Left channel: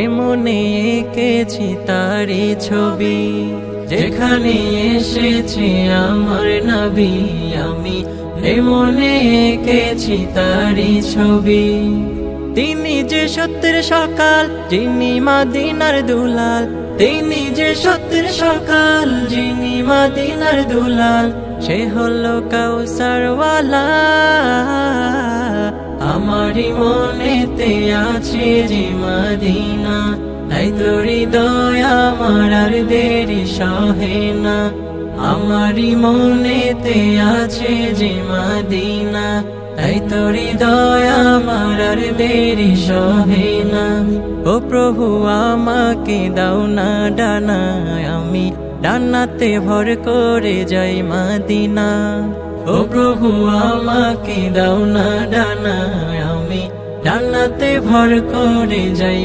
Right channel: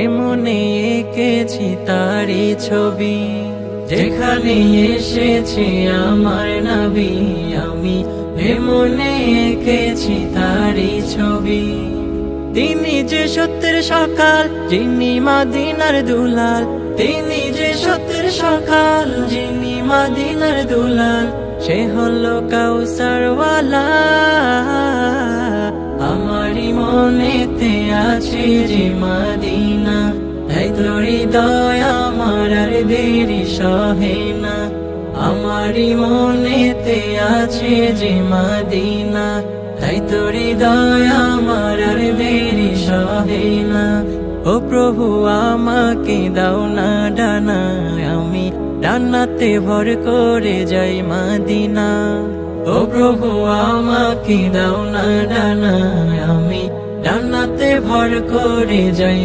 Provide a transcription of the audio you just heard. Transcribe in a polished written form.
এমনে এঁকেছি তারি ছবি, যেখানে এসেছে আমার নবী। আমি এমনে এঁকেছি তারি ছবি। তিনি যে সত্যের সকাল, যিনি মদিনার দুলাল। তিনি যে সত্যের সকাল, যিনি মদিনার দুলাল। সে হলো কাউসারওয়ালা। আমারি মনেতে আছে যে মদিনা, তাই তো হৃদয় আমার আর দেরি সহে না। আমারি মনেতে আছে যে মদিনা, তাই তো হৃদয় আমার আর দেরি সহে না। ও প্রভু আমাকে দাও না ডানা, আমি ডানাতে ভর করে যাই মদিনা। ও প্রভু আমাকে দাও না ডানা, আমি ডানাতে ভর করে যাই।